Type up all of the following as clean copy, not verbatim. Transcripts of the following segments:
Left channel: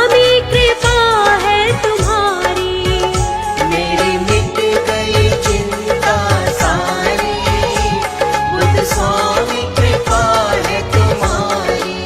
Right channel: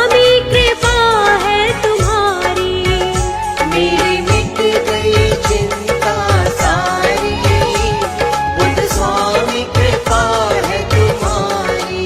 स्वामी कृपा है तुम्हारी। मेरी मिट गई चिंता सारी, बुद्ध स्वामी कृपा है तुम्हारी।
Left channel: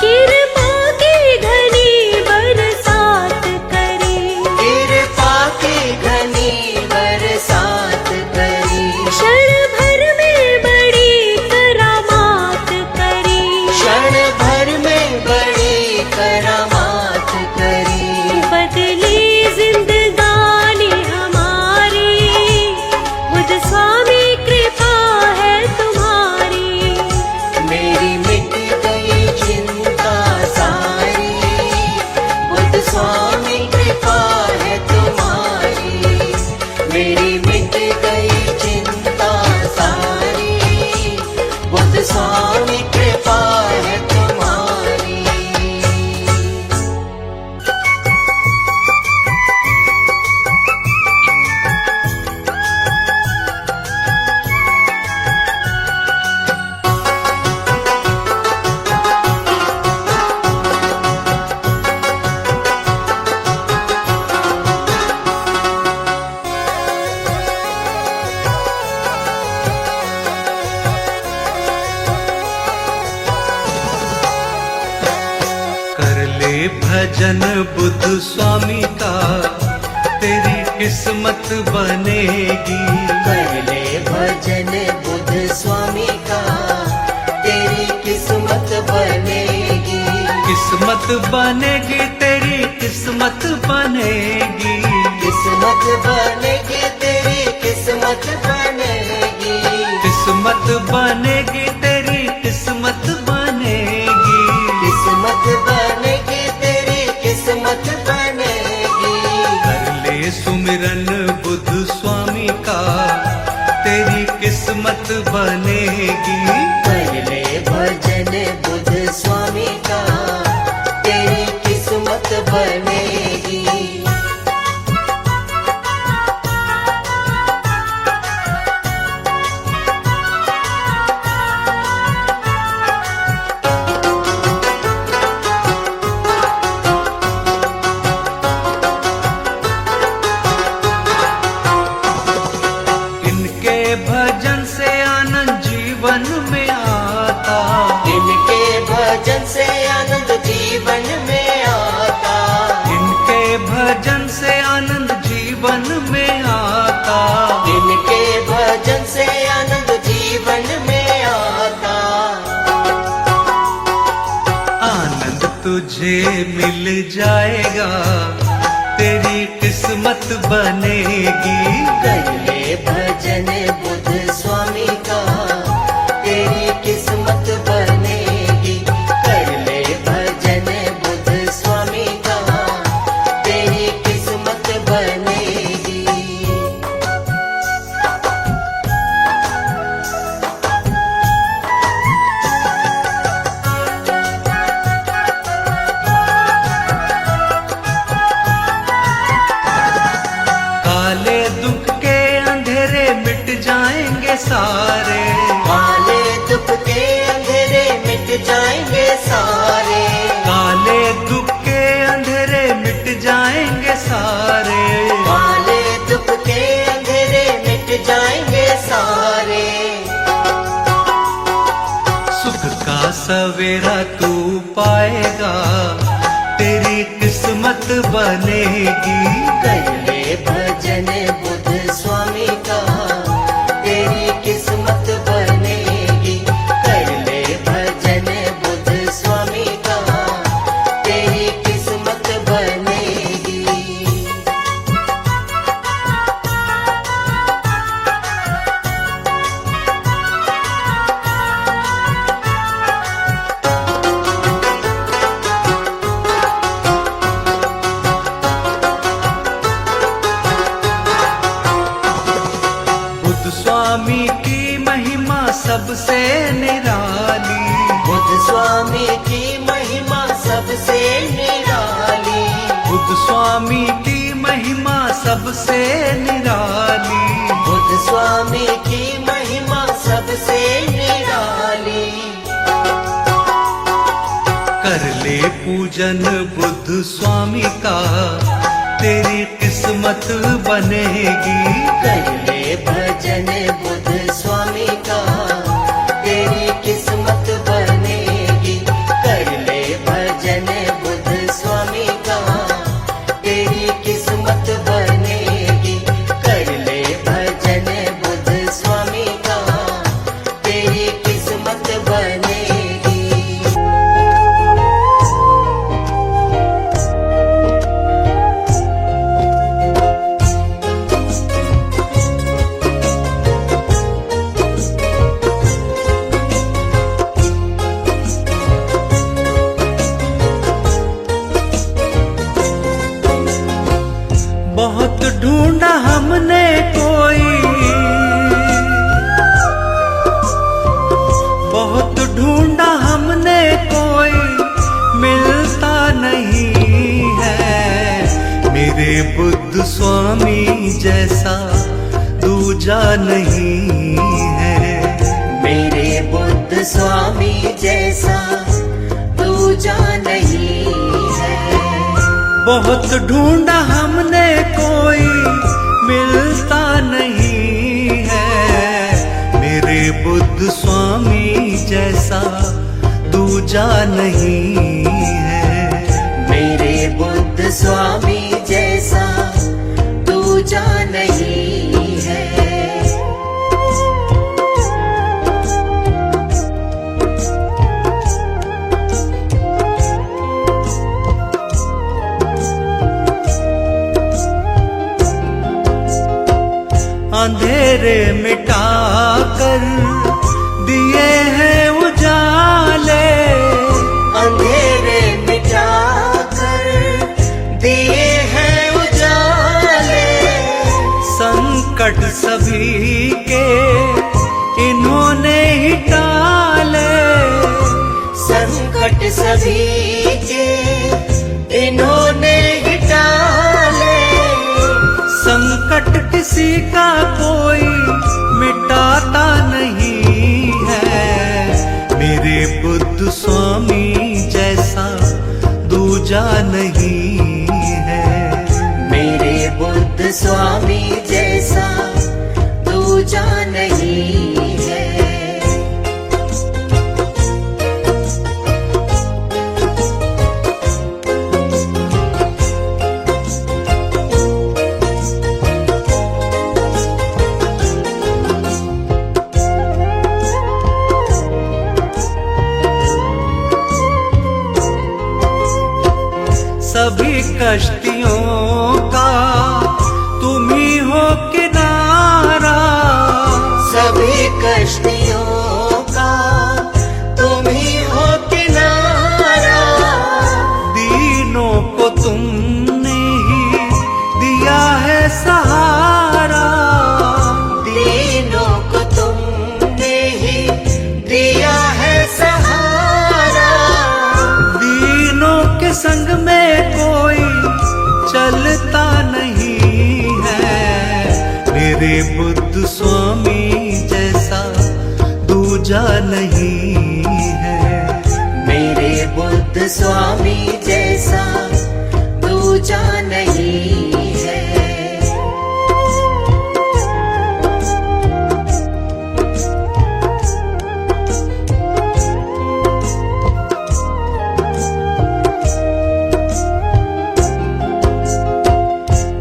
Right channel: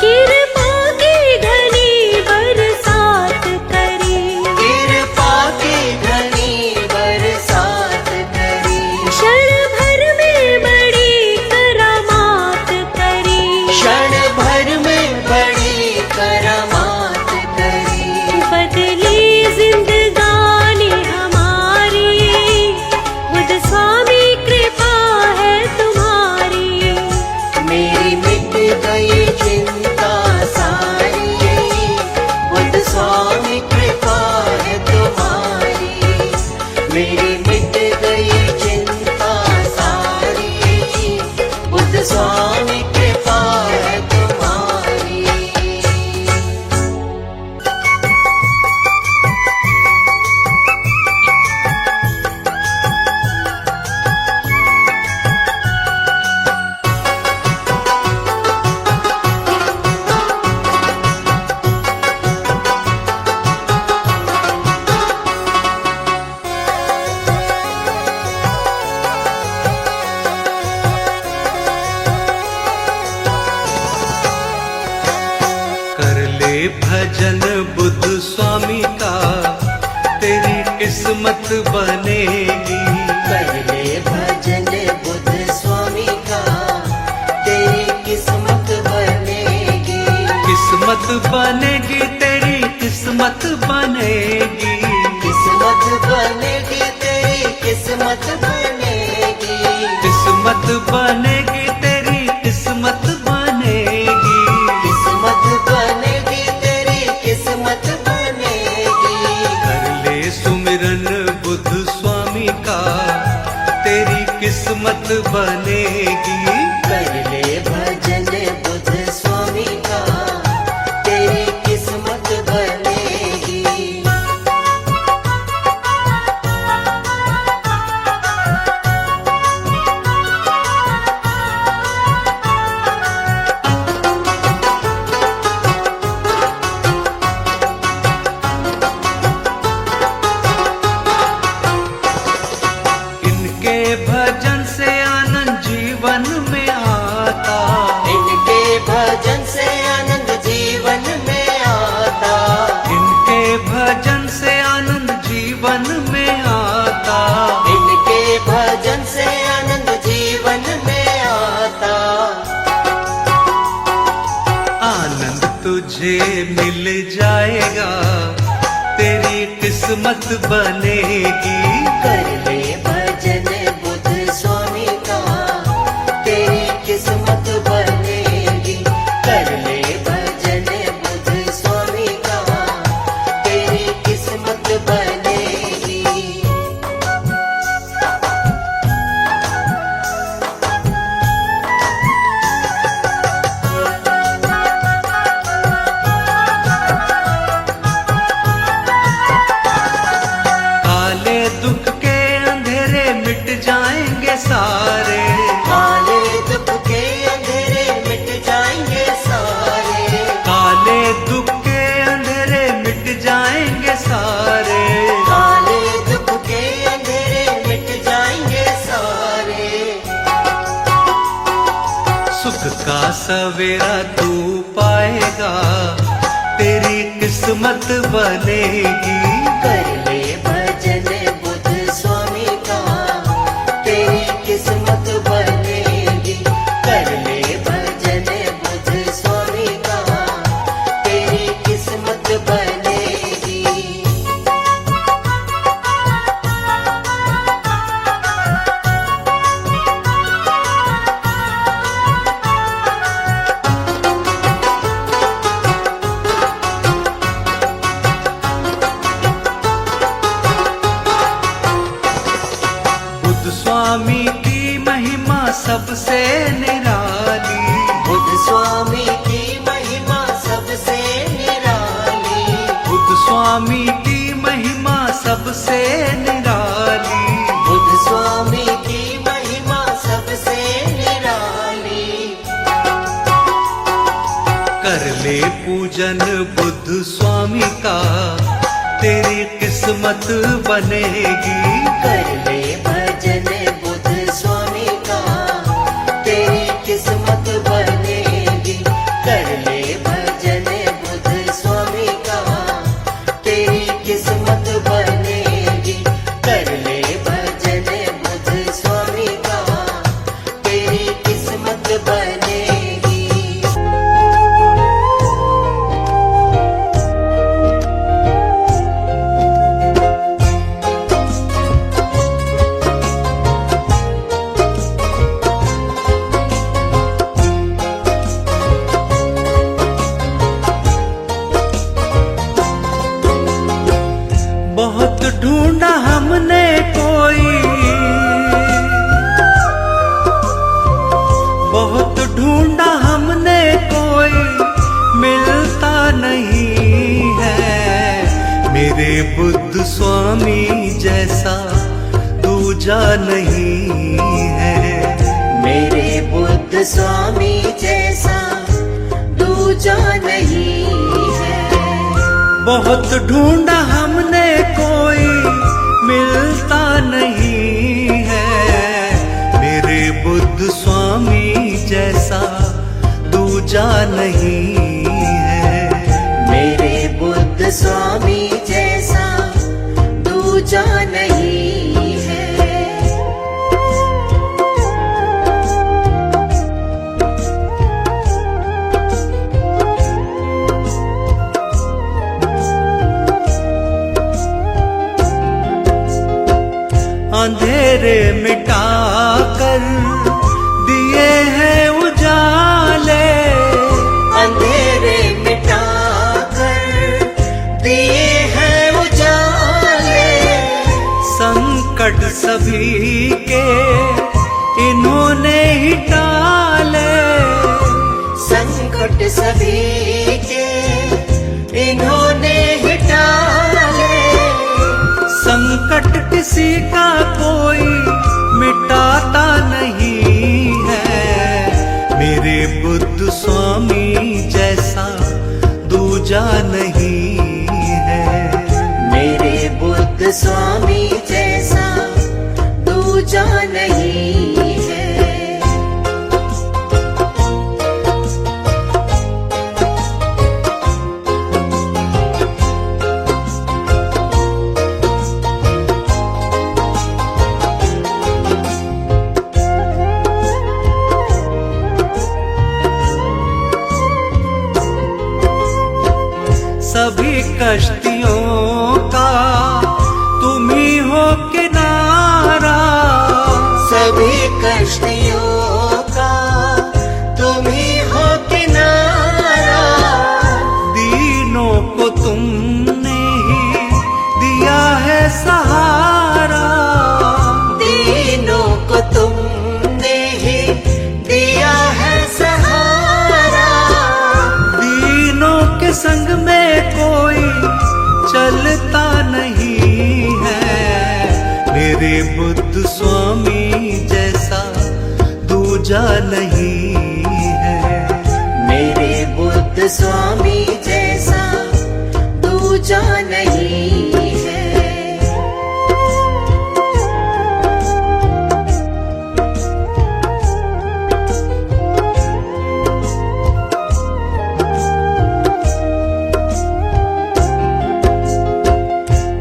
कृपा की घनी बरसात करी, कृपा की घनी बरसात करी, क्षण भर में बड़ी करामात करी। क्षण भर में बड़ी करामात करी। बदली जिंदगानी हमारी, बुद्ध स्वामी कृपा है तुम्हारी। मेरी मिट गई चिंता सारी, बुद्ध स्वामी कृपा है तुम्हारी। मेरी मिट गई चिंता सारी, बुद्ध स्वामी कृपा है तुम्हारी। कर ले भजन बुद्ध स्वामी का, तेरी किस्मत बनेगी। कर ले भजन बुद्ध स्वामी का, तेरी किस्मत बनेगी। किस्मत बनेगी तेरी किस्मत बनेगी। किस्मत बनेगी तेरी किस्मत बनेगी। किस्मत बनेगी तेरी किस्मत बनेगी। किस्मत बनेगी तेरी किस्मत बनेगी। कर ले सुमिरन बुद्ध स्वामी का, तेरी किस्मत बनेगी। कर ले भजन बुद्ध स्वामी का, तेरी किस्मत बनेगी। इनके भजन से आनंद जीवन में आता। इनके भजन से आनंद जीवन में आता। इनके भजन से आनंद जीवन में आता। इनके भजन से आनंद जीवन में आता। आनंद तुझे मिल जाएगा, तेरी किस्मत बनेगी। कर ले भजन बुद्ध स्वामी का, तेरी किस्मत बनेगी। कर ले भजन बुद्ध स्वामी का, तेरी किस्मत बनेगी। काले दुख के अंधेरे मिट जाएंगे सारे। काले दुख के अंधेरे मिट जाएंगे सारे। काले दुख के अंधेरे मिट जाएंगे सारे। काले दुख के अंधेरे मिट जाएंगे सारे। सुख का सवेरा तू पाएगा, तेरी किस्मत बनेगी। कर ले भजन बुद्ध स्वामी का, तेरी किस्मत बनेगी। कर ले भजन बुद्ध स्वामी का, तेरी किस्मत बनेगी। स्वामी की महिमा सबसे निराली, बुद्ध स्वामी की महिमा सबसे निराली, बुद्ध स्वामी की महिमा सबसे निराली। बुद्ध स्वामी की महिमा सबसे निराली। कर ले पूजन बुद्ध स्वामी का, तेरी किस्मत बनेगी। कर ले भजन बुद्ध स्वामी का, तेरी किस्मत बनेगी। कर ले भजन बुद्ध स्वामी का, तेरी किस्मत बनेगी। कर ले भजन बुद्ध स्वामी का, तेरी किस्मत बनेगी। बहुत ढूंढा हमने कोई, बहुत ढूंढा हमने कोई, मिलता नहीं है। मेरे बुद्ध स्वामी जैसा दूजा नहीं है। मेरे बुद्ध स्वामी जैसा दूजा नहीं है। बहुत ढूंढा हमने कोई, मिलता नहीं है। मेरे बुद्ध स्वामी जैसा दूजा नहीं है। मेरे बुद्ध स्वामी जैसा दूजा नहीं है। अंधेरे मिटाकर दिए हैं उजाले, अंधेरे मिटाकर दिए हैं उजाले। संकट सभी के इन्होंने ही टाले। संकट सभी के इन्होंने ही टाले। संकट किसी का कोई मिटाता नहीं है। मेरे बुद्ध स्वामी जैसा दूजा नहीं है। मेरे बुद्ध स्वामी जैसा दूजा नहीं है। सभी कश्तियों का तुम ही हो किनारा। सभी कश्तियों का तुम ही हो किनारा। दीनों को तुमने ही दिया है सहारा। दीनों को तुमने ही दिया है सहारा। दीनों के संग में कोई चलता नहीं है। मेरे बुद्ध स्वामी जैसा दूजा नहीं है। मेरे बुद्ध स्वामी जैसा दूजा नहीं है।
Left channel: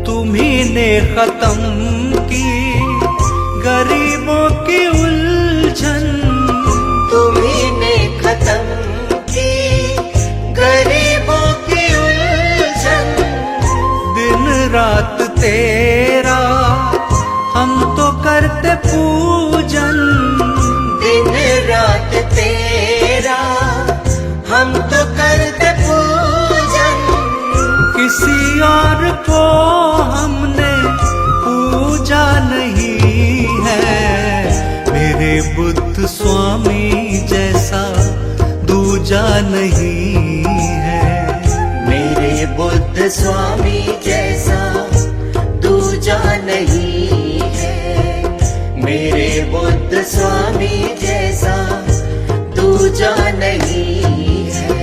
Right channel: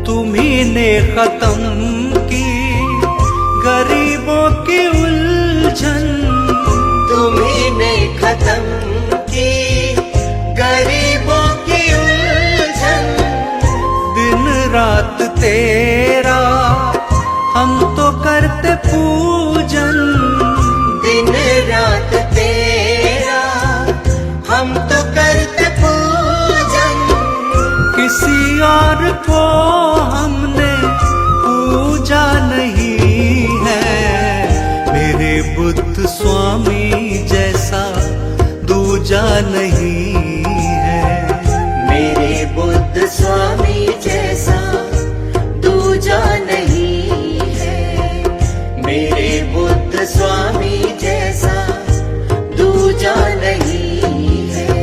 तुम्ही ने खत्म की गरीबों की उलझन। तुम्ही ने खत्म की गरीबों की उलझन। दिन रात तेरा हम तो करते पूजन। दिन रात तेरा हम तो करते पूजन। किसी और को हमने पूजा नहीं है। बुद्ध स्वामी जैसा दूजा नहीं है। मेरे बुद्ध स्वामी जैसा दूजा नहीं है। मेरे बुद्ध स्वामी जैसा दूजा नहीं है।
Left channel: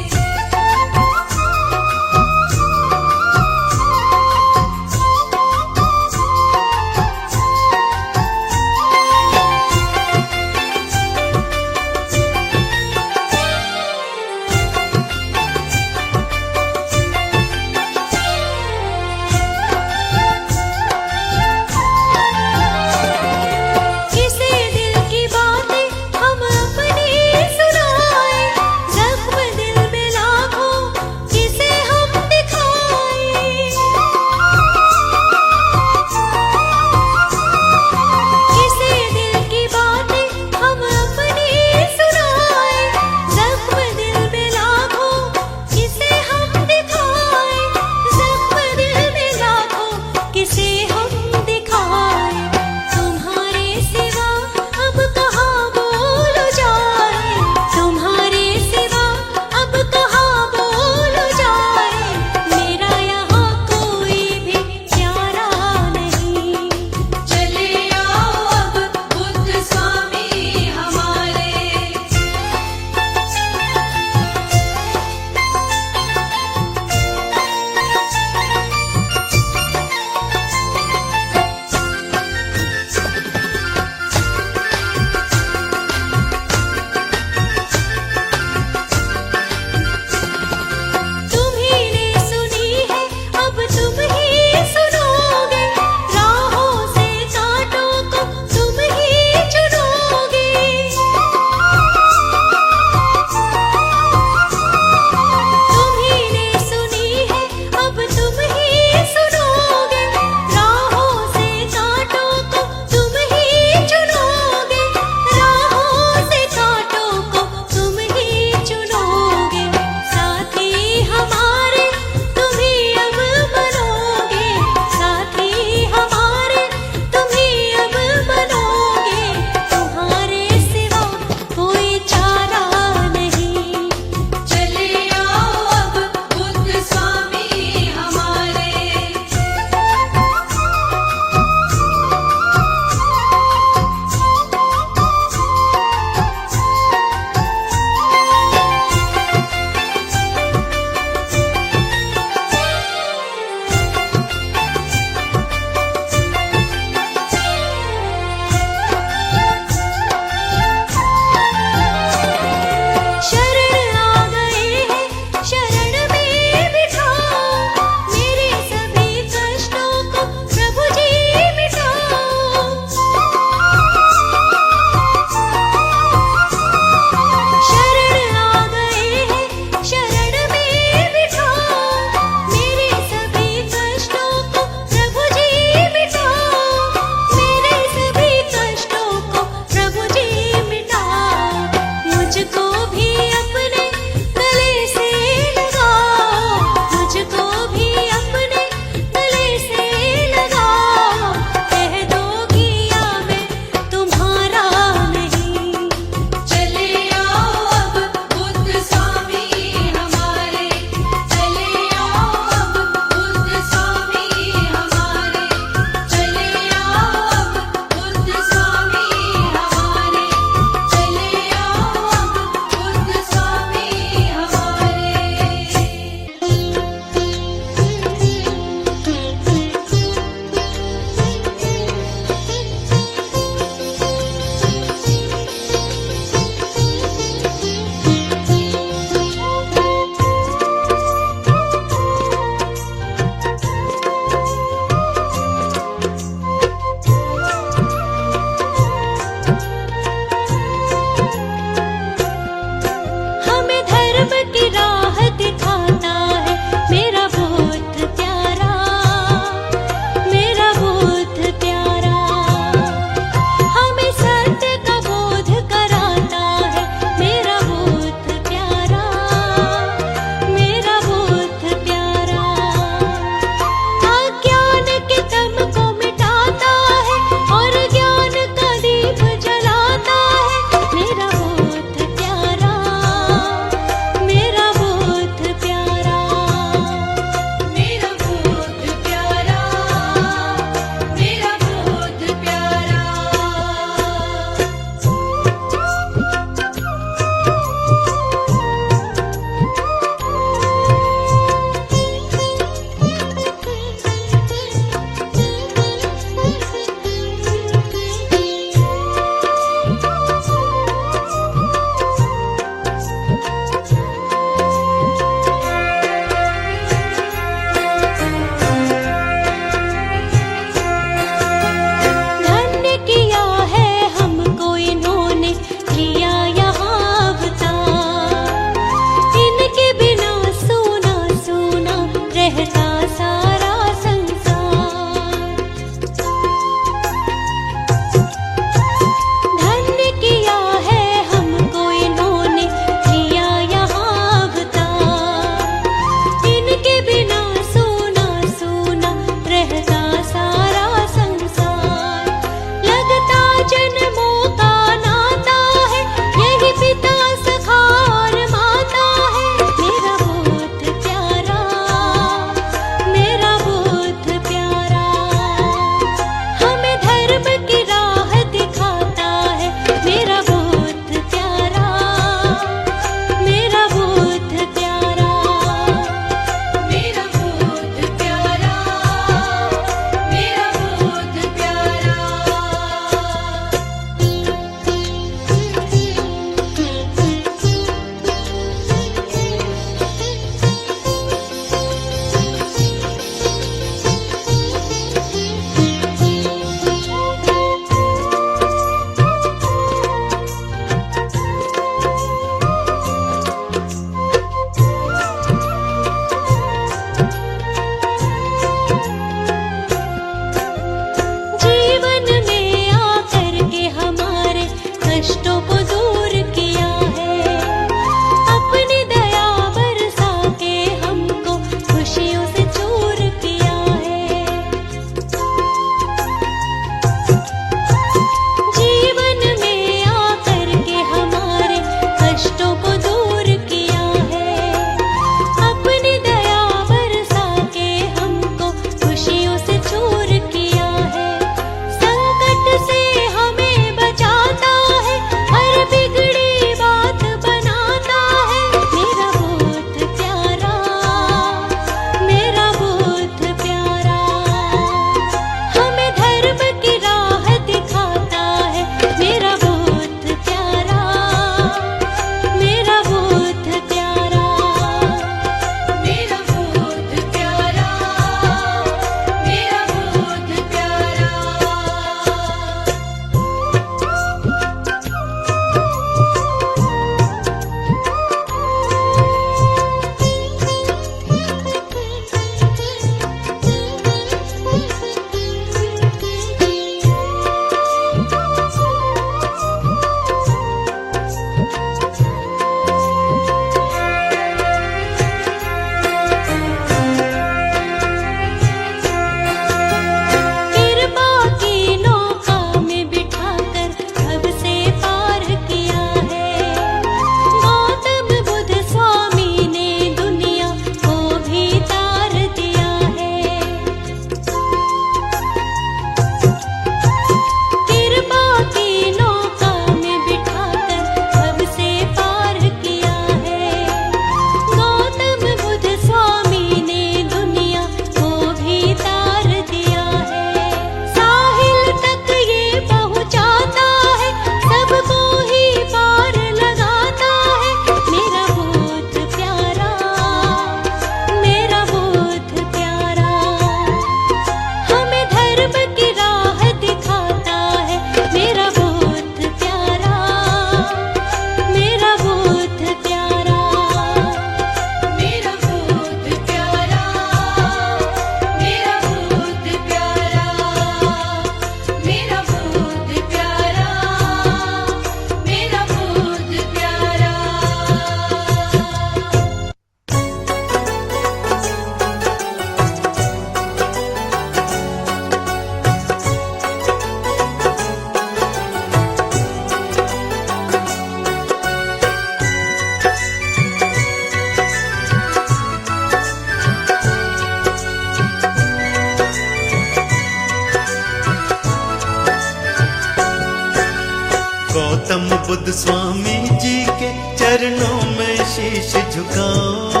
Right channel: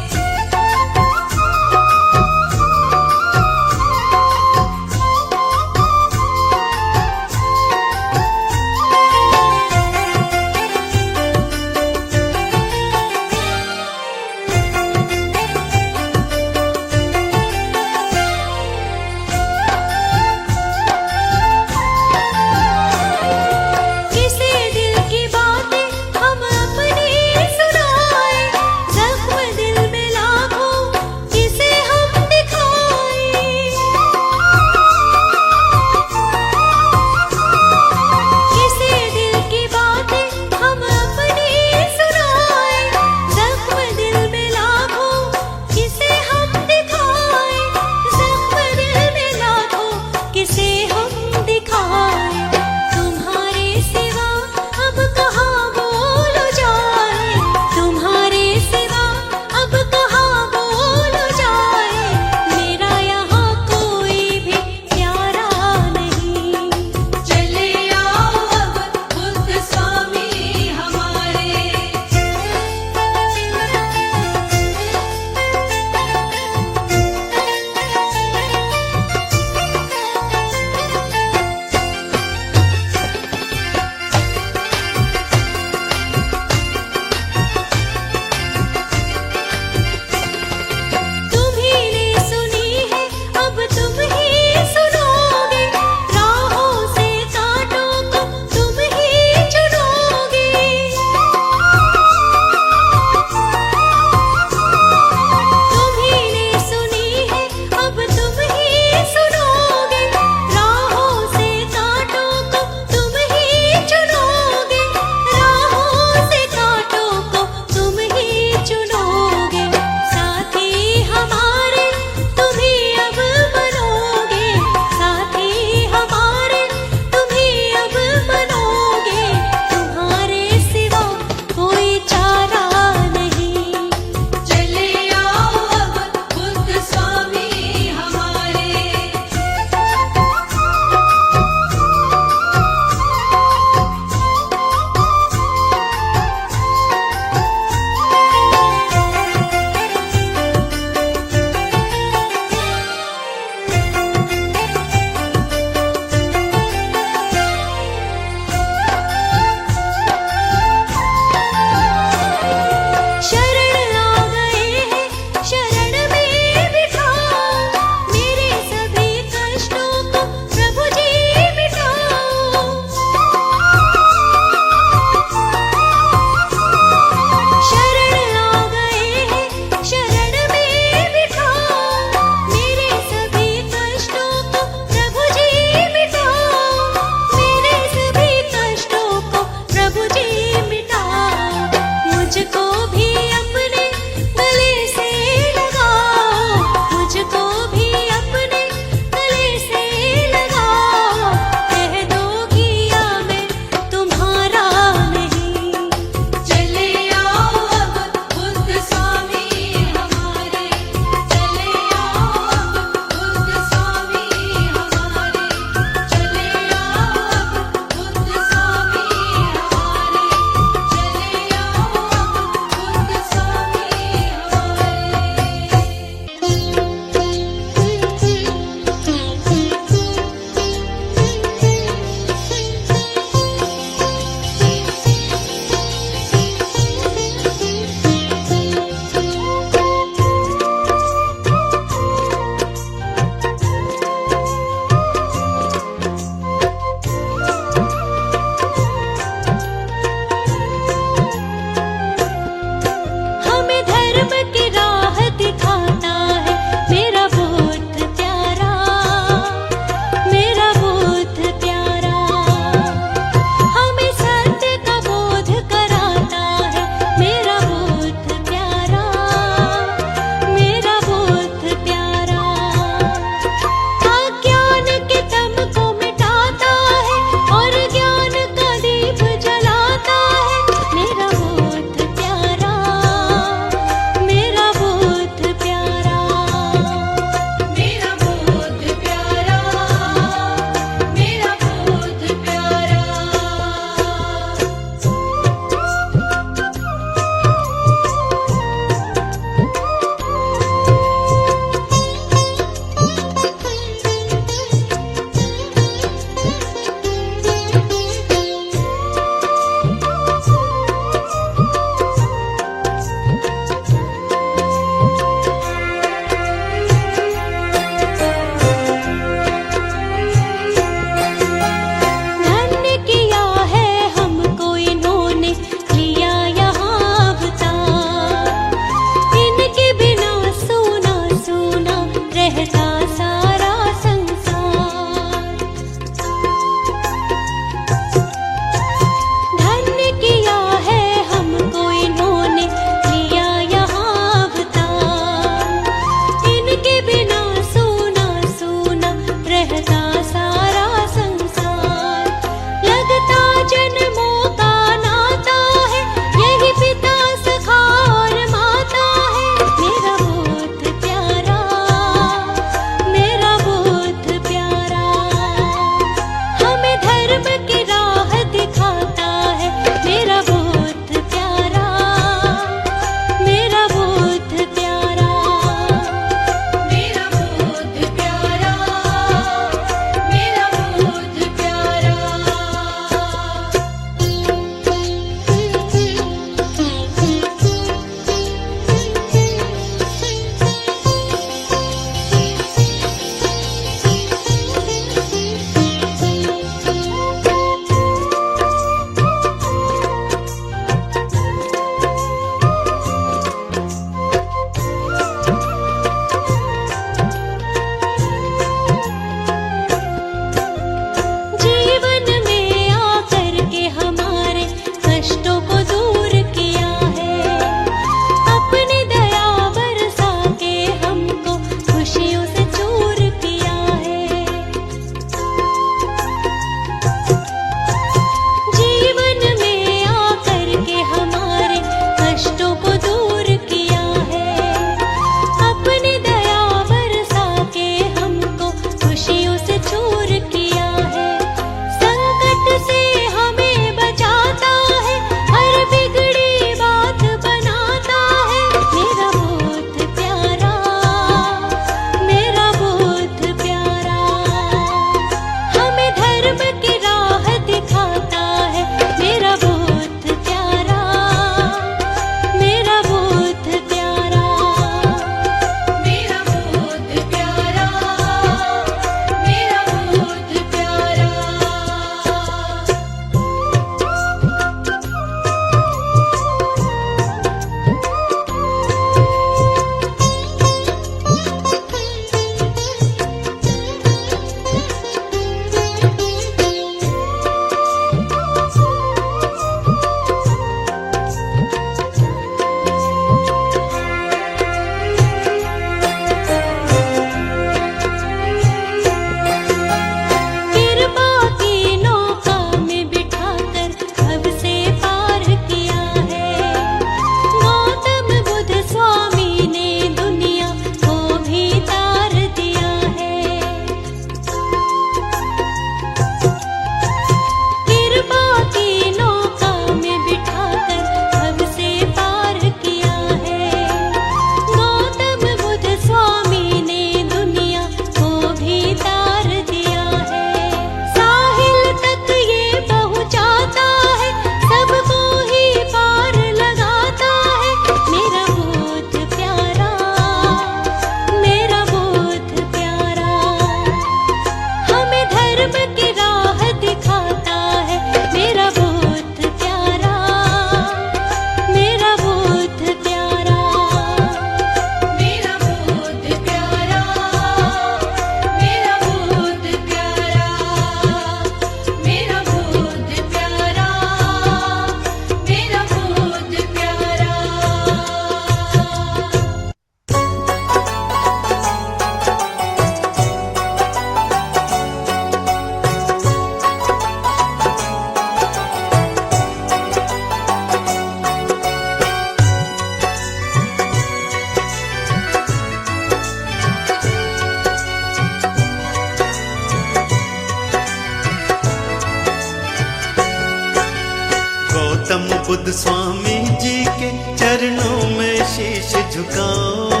गौतम बुद्ध स्वामी जी के चरणों में शीश झुकाओ,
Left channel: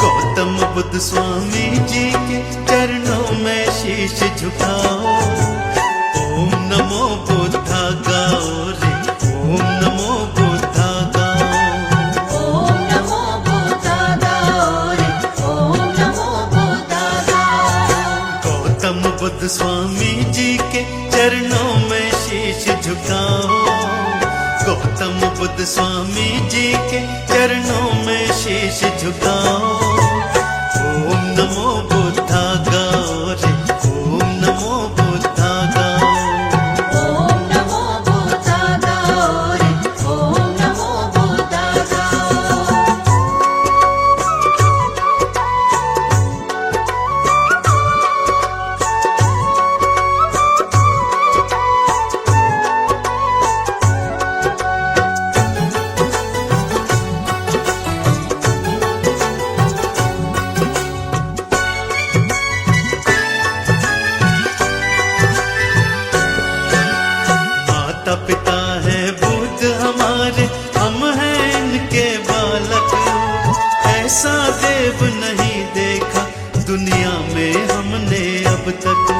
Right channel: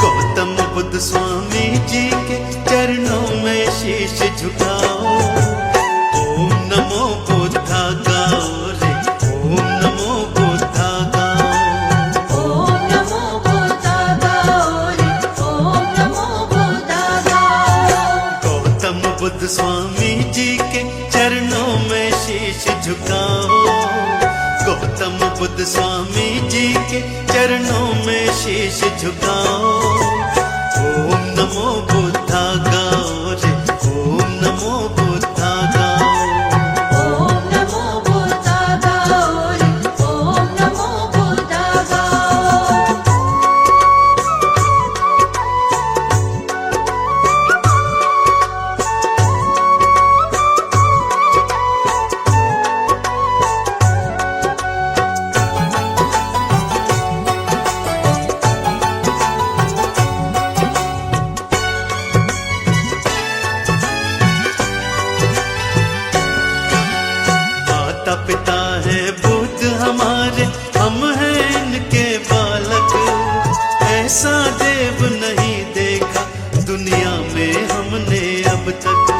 गौतम बुद्ध स्वामी जी के चरणों में शीश झुकाओ। ओम नमो बुद्धा गाओ रे, ओम नमो बुद्धा गाओ। ओम नमो बुद्धा गाओ रे, ओम नमो बुद्धा गाओ। गौतम बुद्ध स्वामी जी के चरणों में शीश झुकाओ, गौतम बुद्ध स्वामी जी के चरणों में शीश झुकाओ। ओम नमो बुद्धा गाओ रे, ओम नमो बुद्धा गाओ। ओम नमो बुद्धा गाओ रे, ओम नमो बुद्धा गाओ। माता पिता है बुद्ध हमारे, हम हैं इनके बालक। ऐसा देव नहीं देखा दुनिया में हमने अब तक।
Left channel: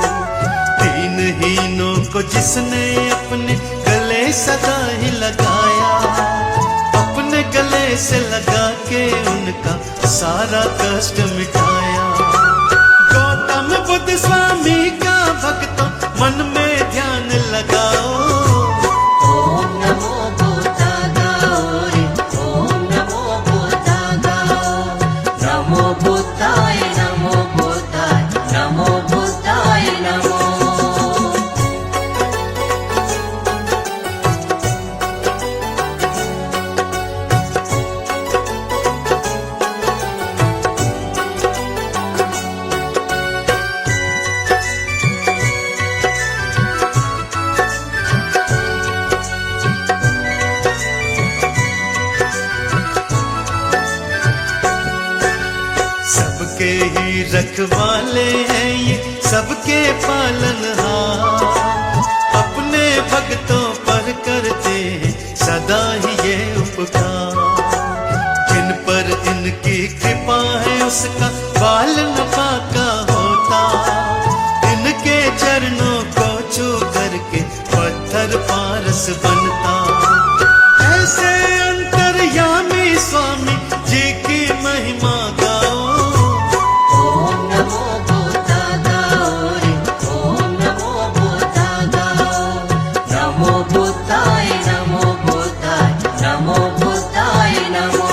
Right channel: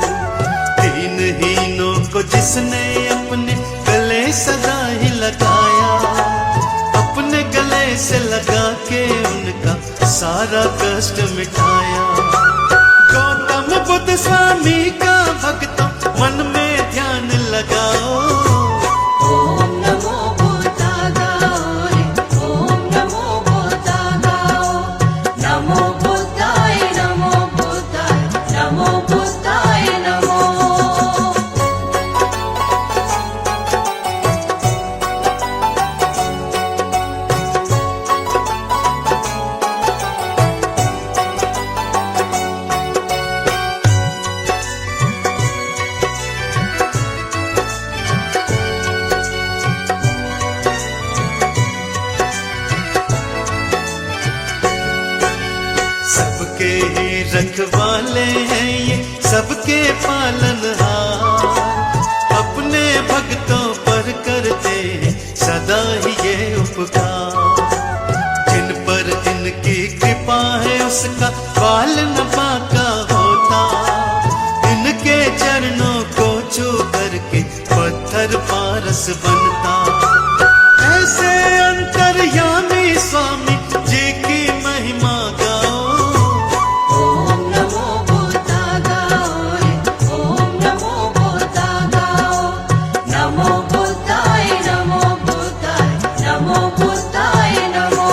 तीन हीनों को जिसने अपने गले सदा ही लगाया, अपने गले से लगा के उनका सारा कष्ट मिटाया। गौतम बुद्ध स्वामी का भक्तों मन में ध्यान लगाओ। ओम नमो बुद्धा गाओ रे, ओम नमो बुद्धा गाओ। नमो बुद्धाय नमो बुद्धाय, नमो बुद्धाय नमो। सबके ही रखवाले हैं ये, सबके पालनहार। अपने भक्तों पर करते हैं सदा ही ये उपकार। जिन पर इनकी कृपा है उसका बाल न बांका होता। इनके चरणों को छू करके पत्थर पारस बनता। ऐसे अंतर्यामी स्वामी जी की महिमा गाओ। ओम नमो बुद्धा गाओ रे, ओम नमो बुद्धा गाओ। नमो बुद्धाय नमो बुद्धाय, नमो बुद्धाय नमो।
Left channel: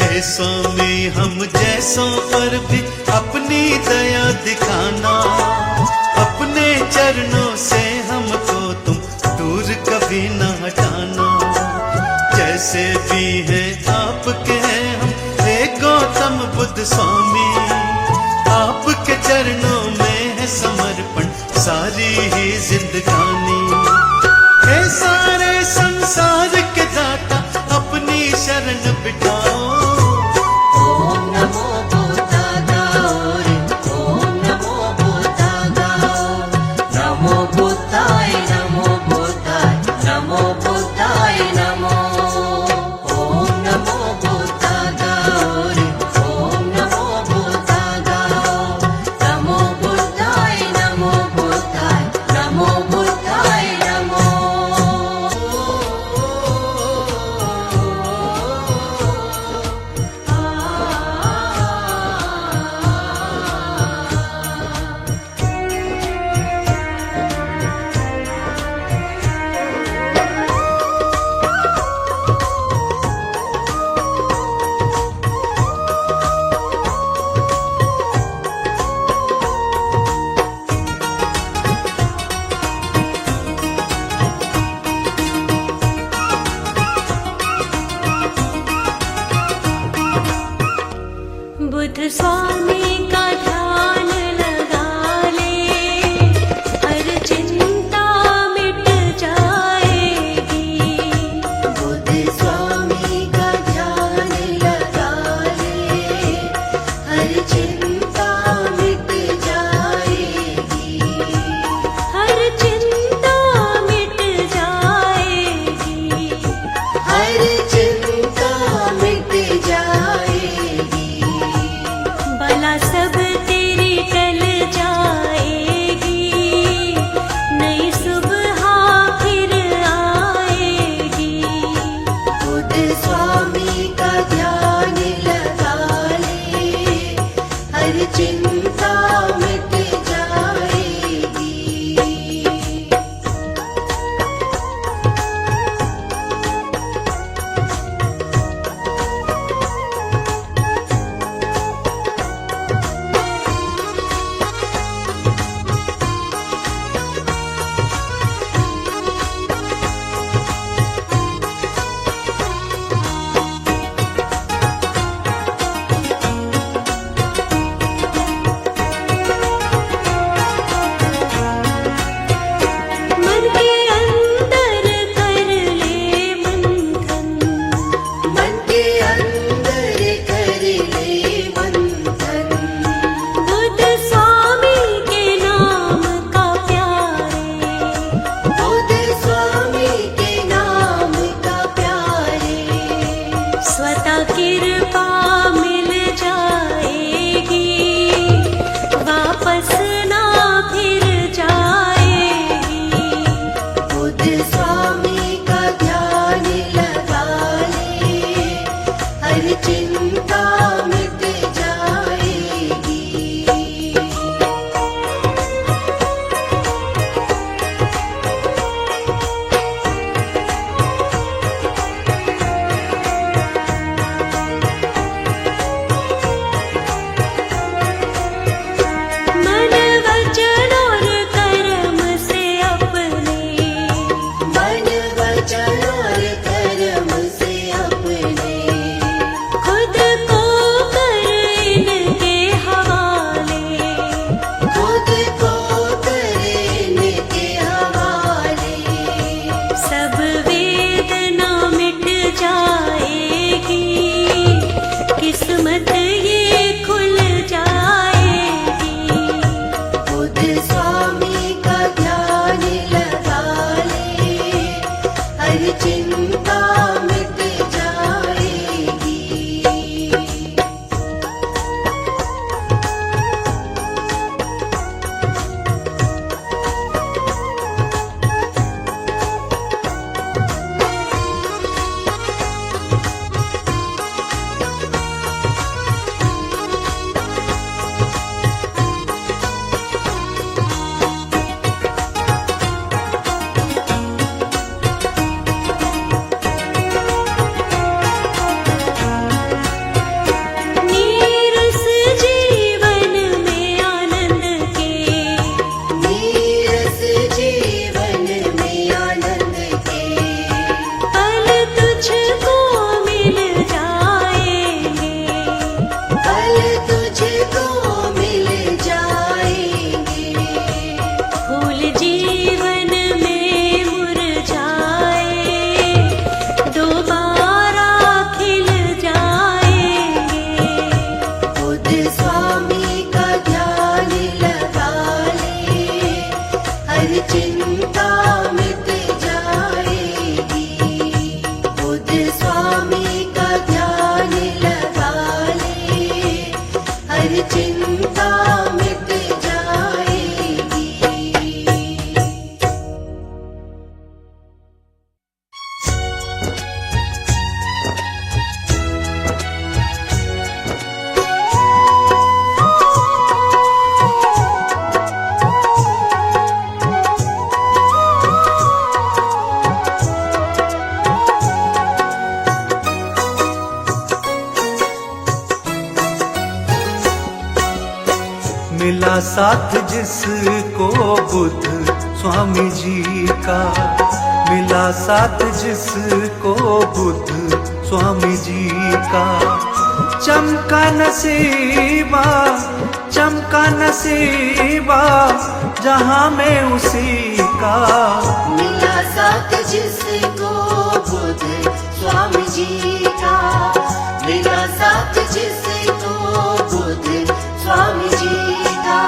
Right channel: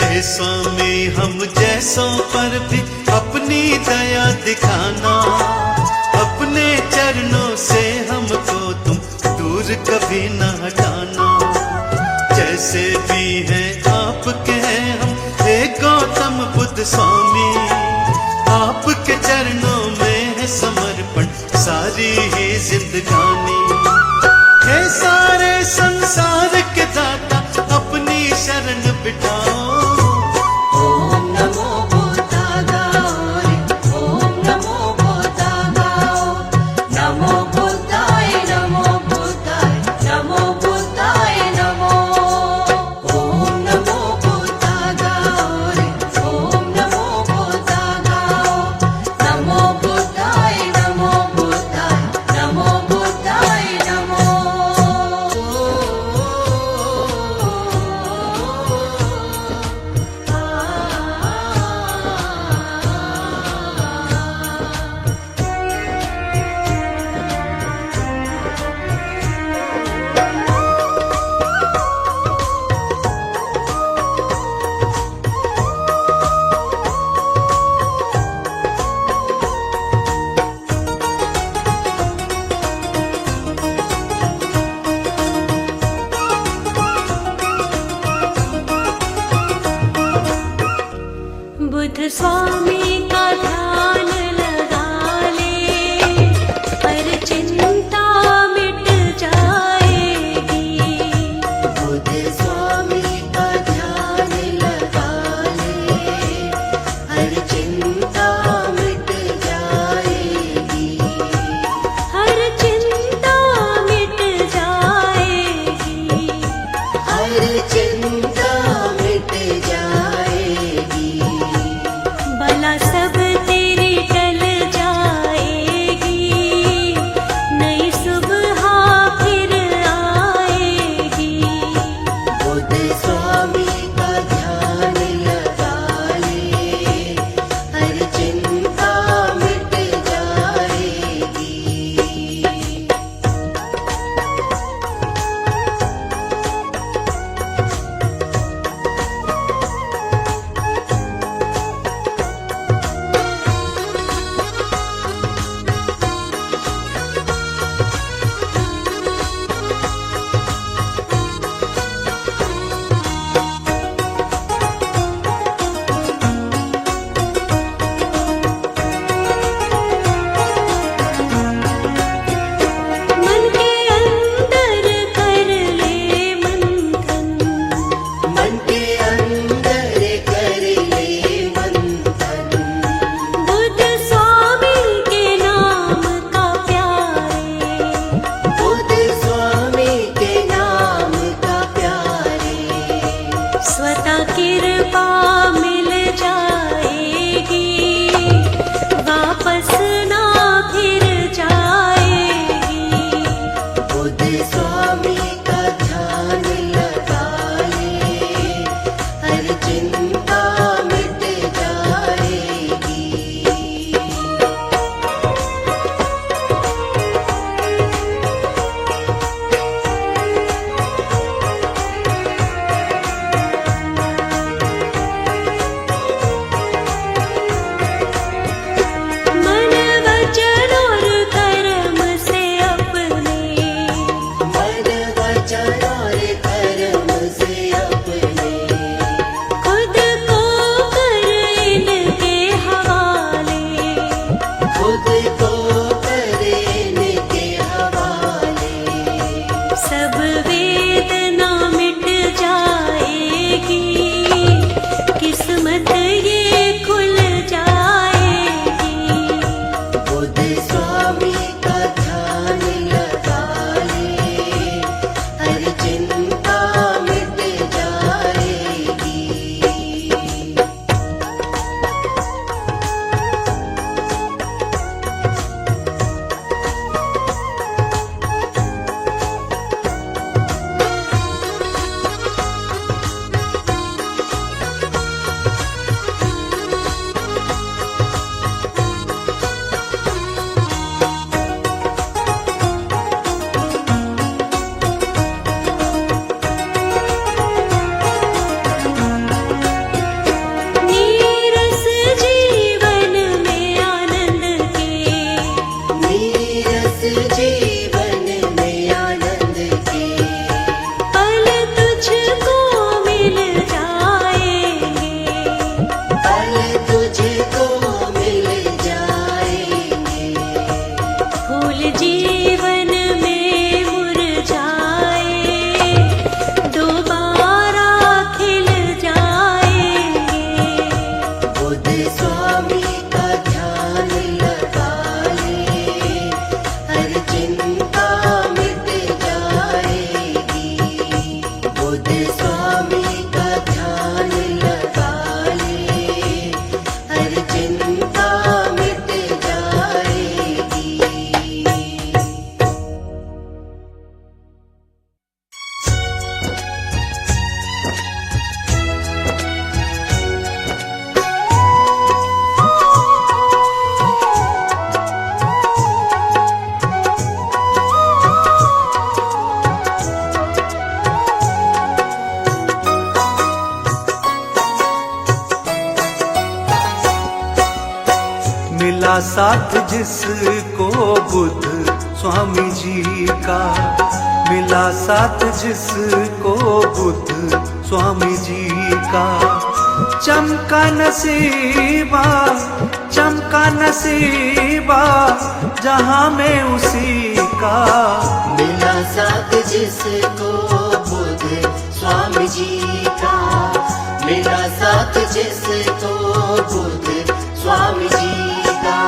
हे स्वामी हम जैसों पर भी अपनी दया दिखाना। अपने चरणों से हमको तुम दूर कभी न हटाना। जैसे भी हैं आपके हैं हम, हे गौतम बुद्ध स्वामी। आपके चरणों में है समर्पण सारी ही जिंदगानी। हे सारे संसार के दाता अपनी शरण बिठाओ। ओम नमो बुद्धा गाओ रे, ओम नमो बुद्धा गाओ। नमो बुद्धाय नमो बुद्धाय, नमो बुद्धाय नमो। ओम नमो बुद्धा गाओ रे, ओम नमो बुद्धा गाओ। नमो बुद्धाय नमो बुद्धाय, नमो बुद्धाय नमो। बुद्ध स्वामी का ध्यान लगा ले, हर चिंता मिट जाएगी। बुद्ध स्वामी का ध्यान लगा ले, हर चिंता मिट जाएगी। हर चिंता मिट जाएगी। हर चिंता मिट जाएगी। बला सब तेरी टल जाएगी, नई सुबह फिर आएगी। बुद्ध स्वामी का ध्यान लगा ले, हर चिंता मिट जाएगी। मन के अंदर कर ले मंथन, मन के अंदर कर ले मंथन। बुद्ध स्वामी के नाम का प्यारे, बुद्ध स्वामी के नाम का प्यारे। स्वतः कृपा मिल जाएगी, वापस ना फिर जाएगी। बुद्ध स्वामी का ध्यान लगा ले, हर चिंता मिट जाएगी। मन वचन और कर्म से अपने, मन वचन और कर्म से अपने, खुद को कर इनके हवाले। खुद को करने के हवाले। सब वेदना मिट जाएगी, किस्मत ये खुल जाएगी। बुद्ध स्वामी का ध्यान लगा ले, हर चिंता मिट जाएगी। नीरस जीवन में आनंद के, नीरस जीवन में आनंद के, पल तुझको मिल जाएंगे। पल तुझको मिल जाएंगे। फूल जीवन में मुरझाए, दोबारा खिल जाएंगे। बुद्ध स्वामी का ध्यान लगा ले, हर चिंता मिट जाएगी। बुद्ध स्वामी का ध्यान लगा ले, हर चिंता मिट जाएगी। मिला साथ जिसको बुद्ध स्वामी जी का, मिला साथ जिसको बुद्ध स्वामी जी का। चमका नसीबा जहां में उसी का। मिला साथ जिसको बुद्ध स्वामी जी का, मिला साथ जिसको बुद्ध स्वामी जी का।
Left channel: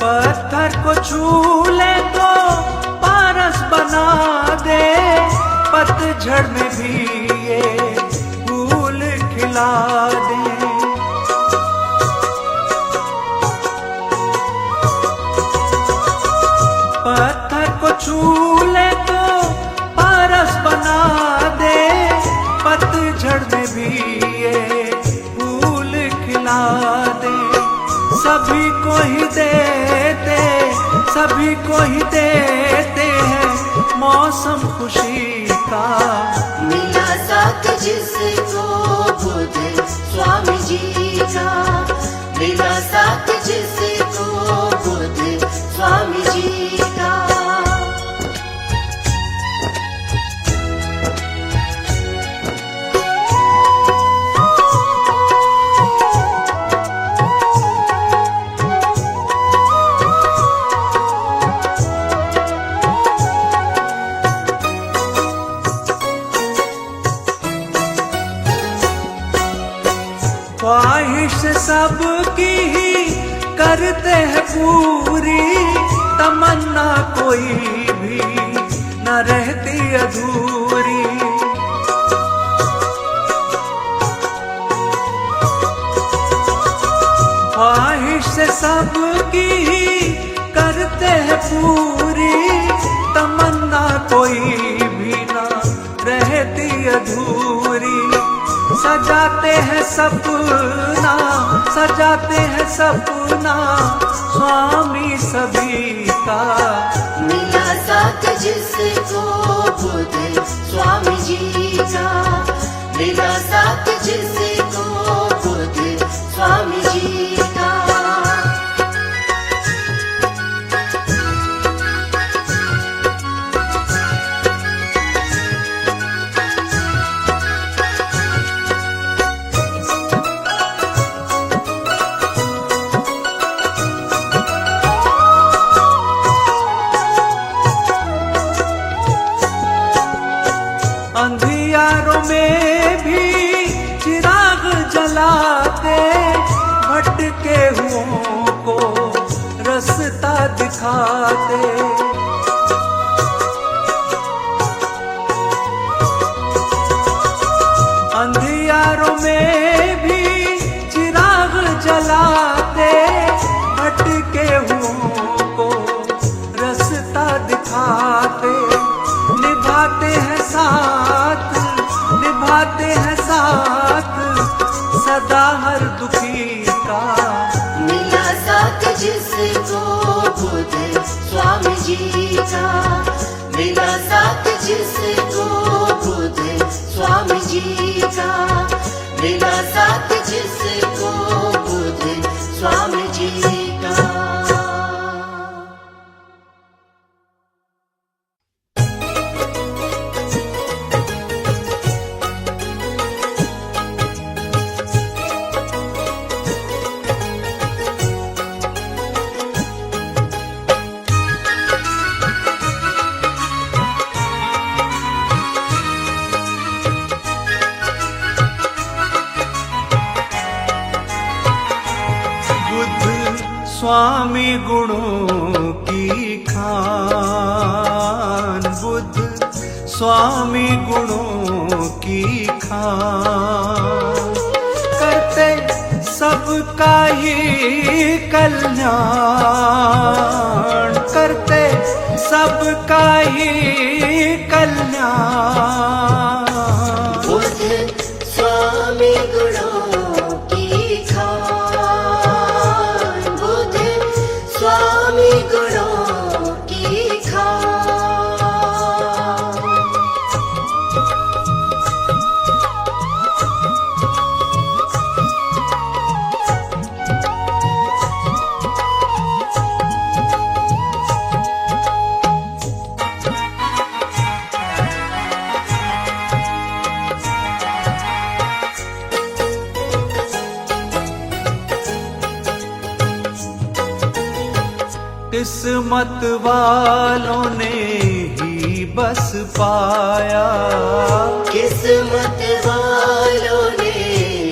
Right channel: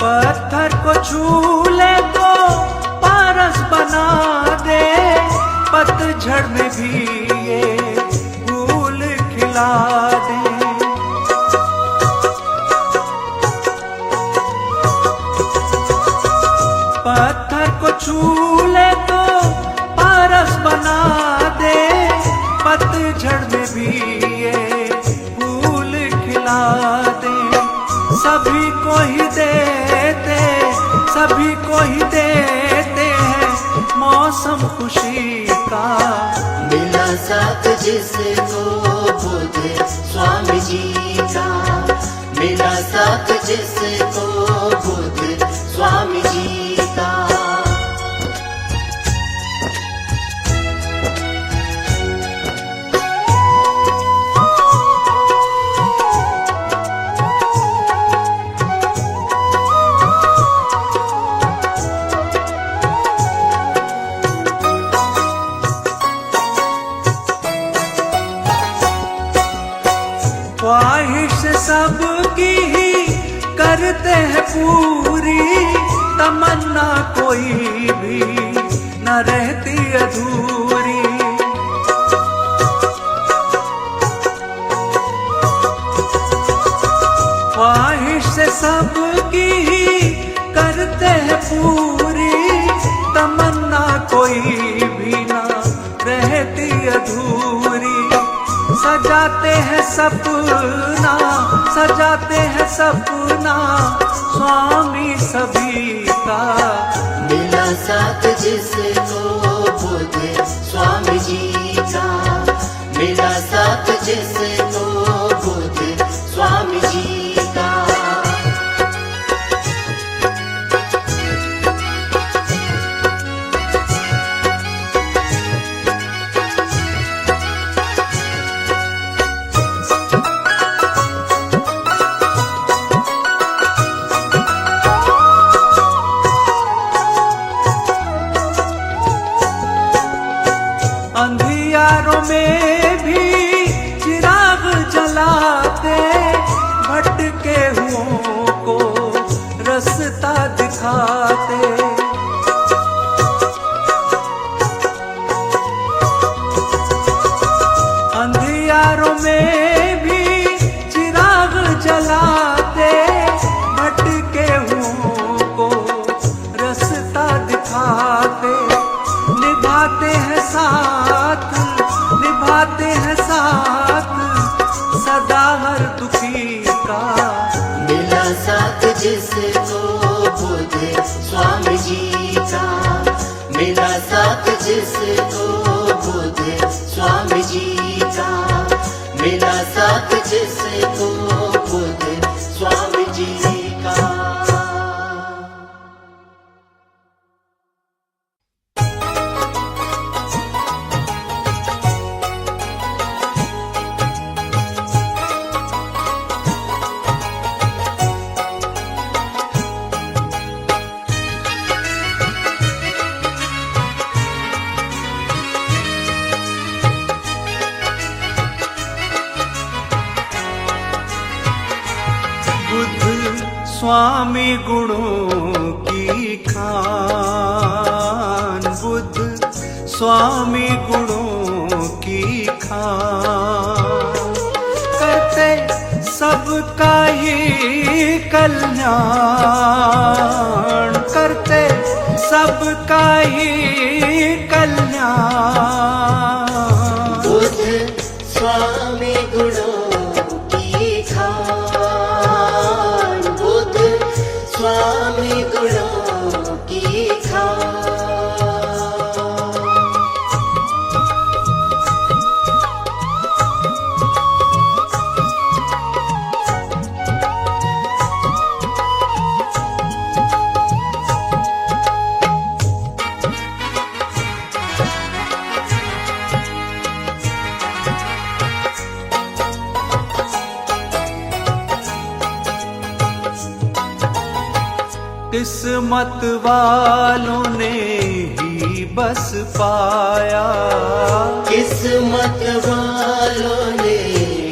पत्थर को छू ले तो पारस बना दे, पतझड़ में भी ये फूल खिला दे। पत्थर को छू ले तो पारस बना दे, पतझड़ में भी ये फूल खिला दे। सभी को ही देते हैं मौसम खुशी का। मिला साथ जिसको बुद्ध स्वामी जी का, मिला साथ जिसको बुद्ध स्वामी जी का। ख्वाहिश सबकी ही करते हैं पूरी, तमन्ना कोई भी न रहती अधूरी। ख्वाहिश सबकी ही करते हैं पूरी, तमन्ना कोई भी न रहती अधूरी। सजाते हैं सपना स्वामी सभी का। मिला साथ जिसको बुद्ध स्वामी जी का, मिला साथ जिसको बुद्ध स्वामी जी का। अंधियारों में भी चिराग जलाते, भटके हुओं को रास्ता दिखाते। अंधियारों में भी चिराग जलाते, भटके हुओं को रास्ता दिखाते। निभाते हैं साथ सदा हर दुखी का। मिला साथ जिसको बुद्ध स्वामी जी का, मिला साथ जिसको बुद्ध स्वामी जी का, मिला साथ जिसको बुद्ध स्वामी जी का। स्वामी गुणों की खान, बुद्ध स्वामी गुणों की खान। करते सबका ही कल्याण, करते सबका ही कल्याण। बुद्ध स्वामी गुणों की खान, बुद्ध स्वामी गुणों की खान। किस्मत वालों ने ही बस पाया, किस्मत वालों ने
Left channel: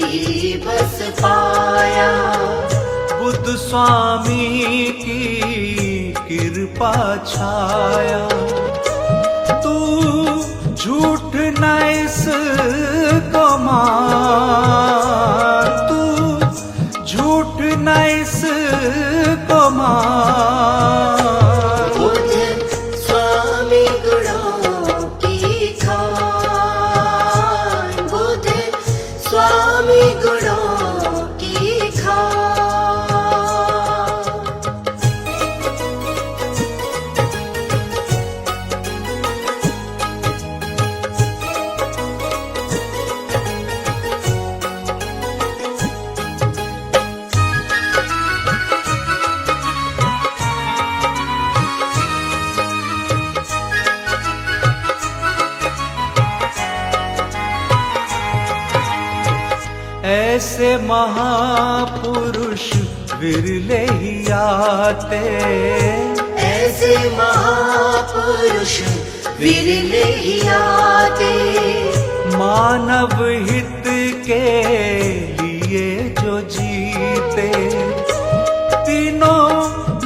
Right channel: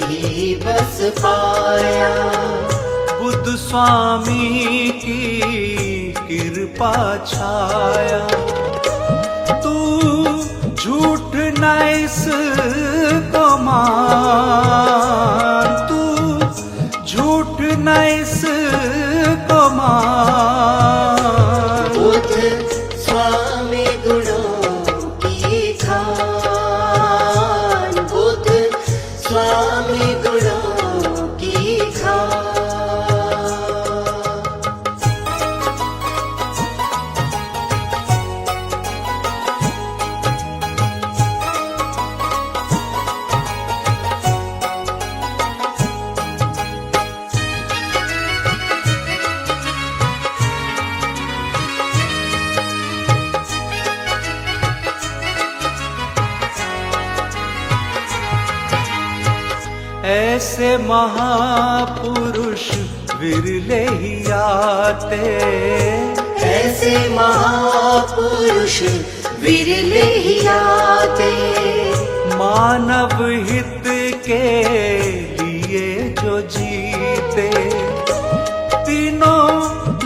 ही बस पाया। बुद्ध स्वामी की कृपा छाया। तू झूठ न इसको मान, तू झूठ न इसको मान। बुद्ध स्वामी गुणों की खान, बुद्ध स्वामी गुणों की खान। ऐसे महापुरुष विरले ही आते, ऐसे महापुरुष विरले ही आते। मानव हित के लिए जो जीते। तीनों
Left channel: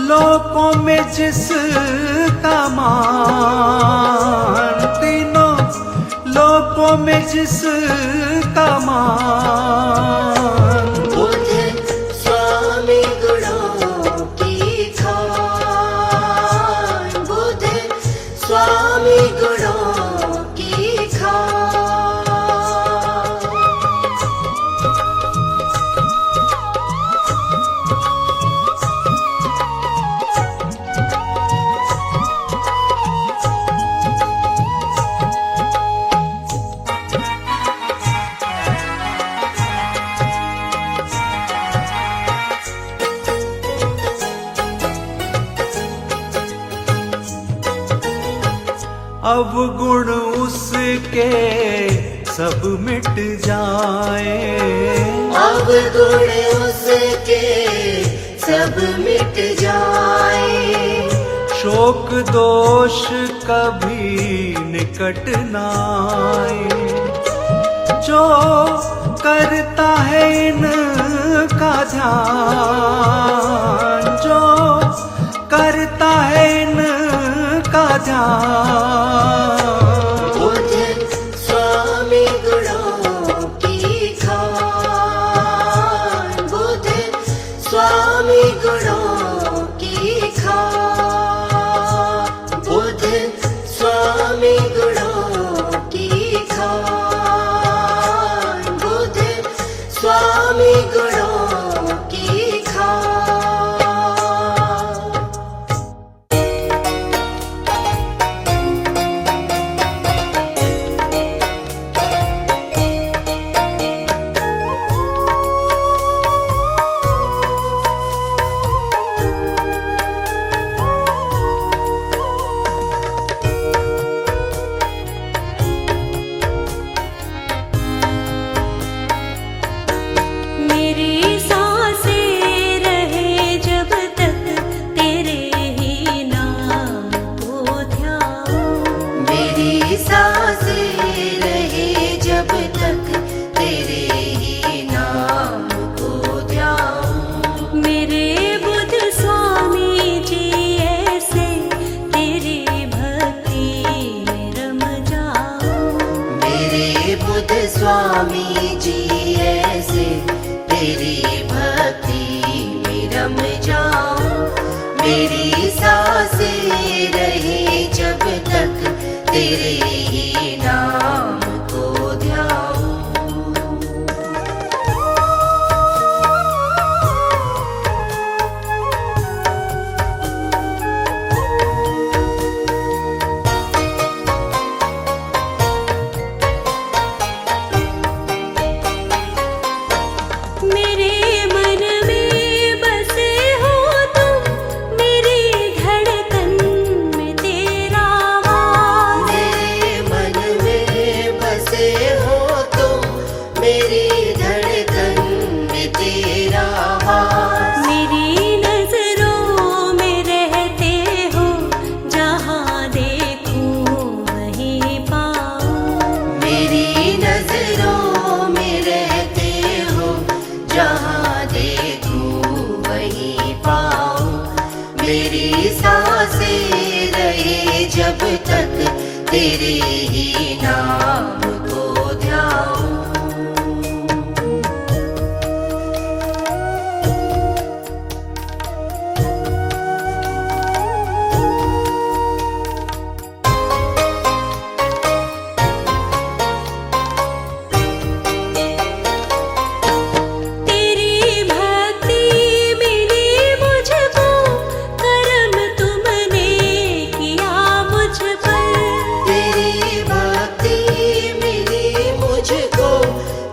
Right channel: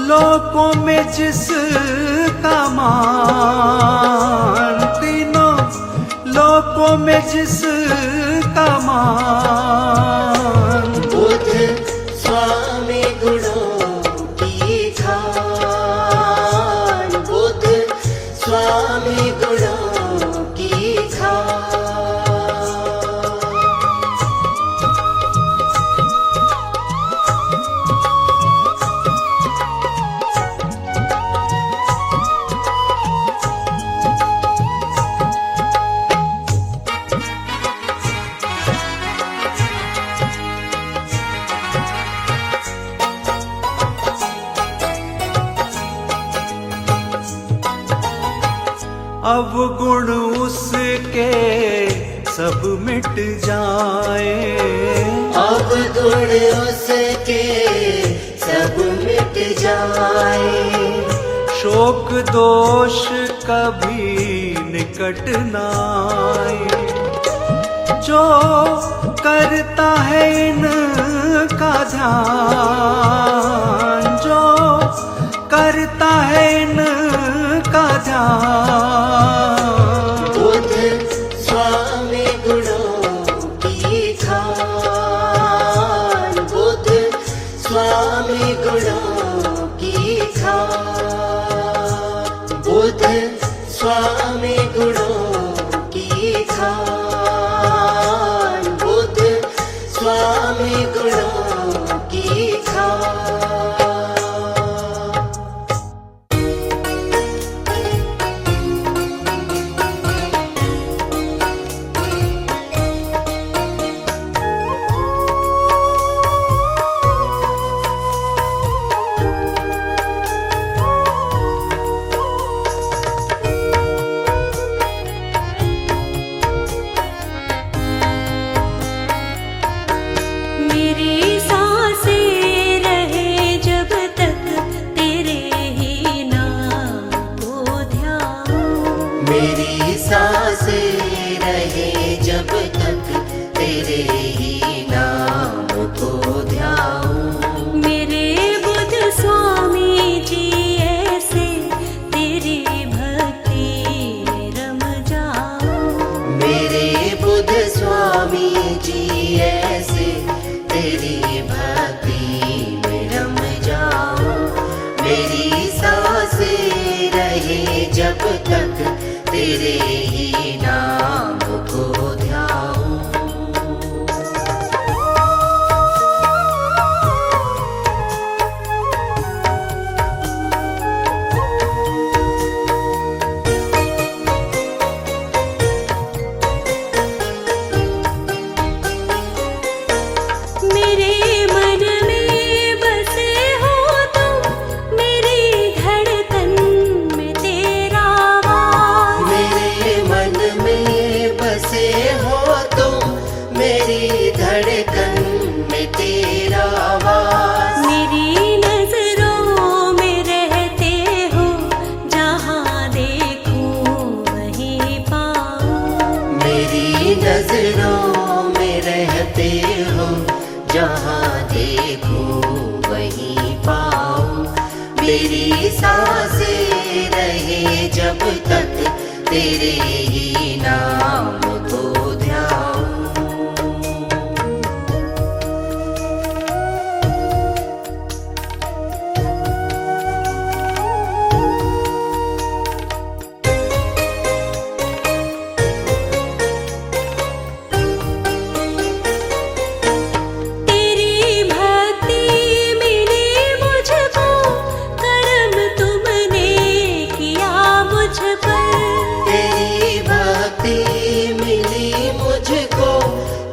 लोकों में जिसका मान, तीनों लोकों में जिसका मान। बुद्ध स्वामी गुणों की खान, बुद्ध स्वामी गुणों की खान। अवगुण उसके सब मिट जाए, अवगुण उसके सब मिट जाए। शोक दोष कभी निकट नाए। जो करता है इनका ध्यान, जो करता है इनका ध्यान। बुद्ध स्वामी गुणों की खान, बुद्ध स्वामी गुणों की खान। बुद्ध स्वामी गुणों की खान, बुद्ध स्वामी गुणों की खान। मेरी सांसें रहे जब तक तेरे ही नाम को ध्याऊं, मेरी सांसें रहे जब तक तेरे ही नाम को ध्याऊं। मेरे बुद्ध स्वामी जी ऐसे तेरी भक्ति में रम जाऊं। मेरे बुद्ध स्वामी जी ऐसे तेरी भक्ति में रम जाऊं। मेरी सांसें रहे जब तक तेरे ही नाम को ध्याऊं। मेरे मन में बसे हो तुम, मेरी धड़कन में तेरा वास। मेरे मन में बसे हो तुम, मेरी धड़कन में तेरा वास। मेरी नजरों में रहते जहाँ देखूं वहीं पाऊं, मेरी सांसें रहे जब तक तेरे ही नाम को ध्याऊं। तेरी भक्ति मिली मुझको, करम तुमने किया मुझ पर। तेरी भक्ति मिली मुझको,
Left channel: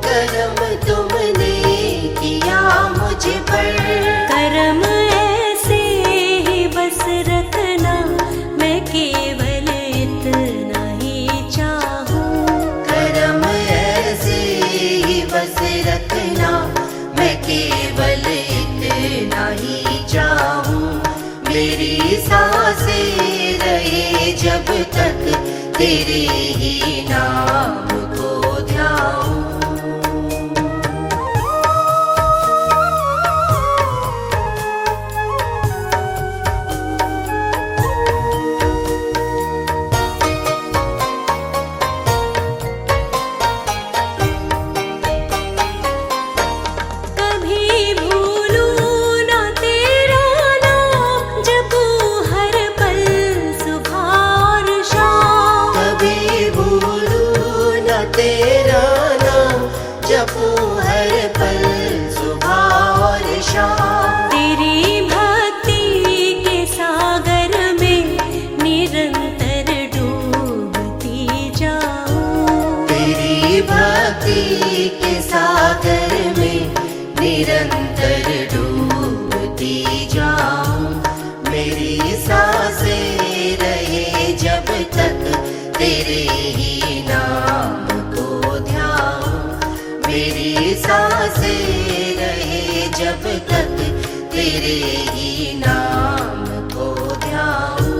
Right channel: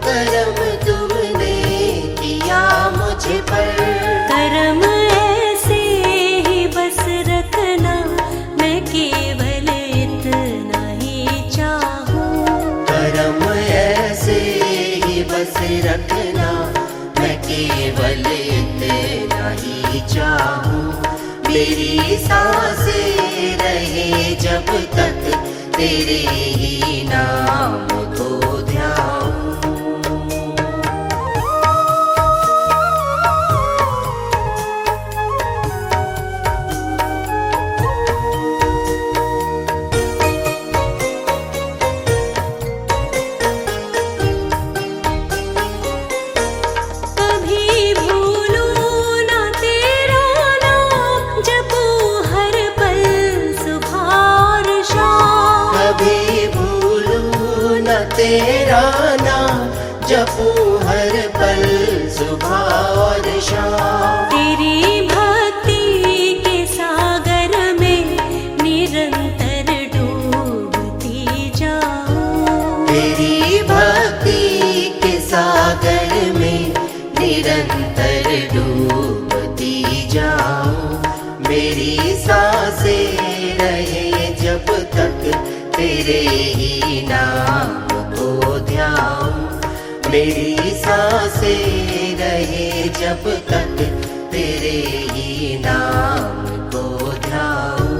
करम तुमने किया मुझ पर। करम ऐसे ही बस रखना, मैं केवल इतना ही चाहूं। करम ऐसे ही बस रखना, मैं केवल इतना ही चाहूं। मेरी सांसें रहे जब तक तेरे ही नाम को ध्याऊं। कभी भूलूं ना तेरा नाम, जपूं हर पल सुबह और शाम। कभी भूलूं न तेरा नाम, जपूं हर पल सुबह और शाम। तेरी भक्ति के सागर में निरंतर डूबती जाऊं। तेरी भक्ति के सागर में निरंतर डूबती जाऊं। मेरी सांसें रहे जब तक तेरे ही नाम को ध्याऊं। मेरी सांसें रहे जब तक तेरे ही नाम को ध्याऊं।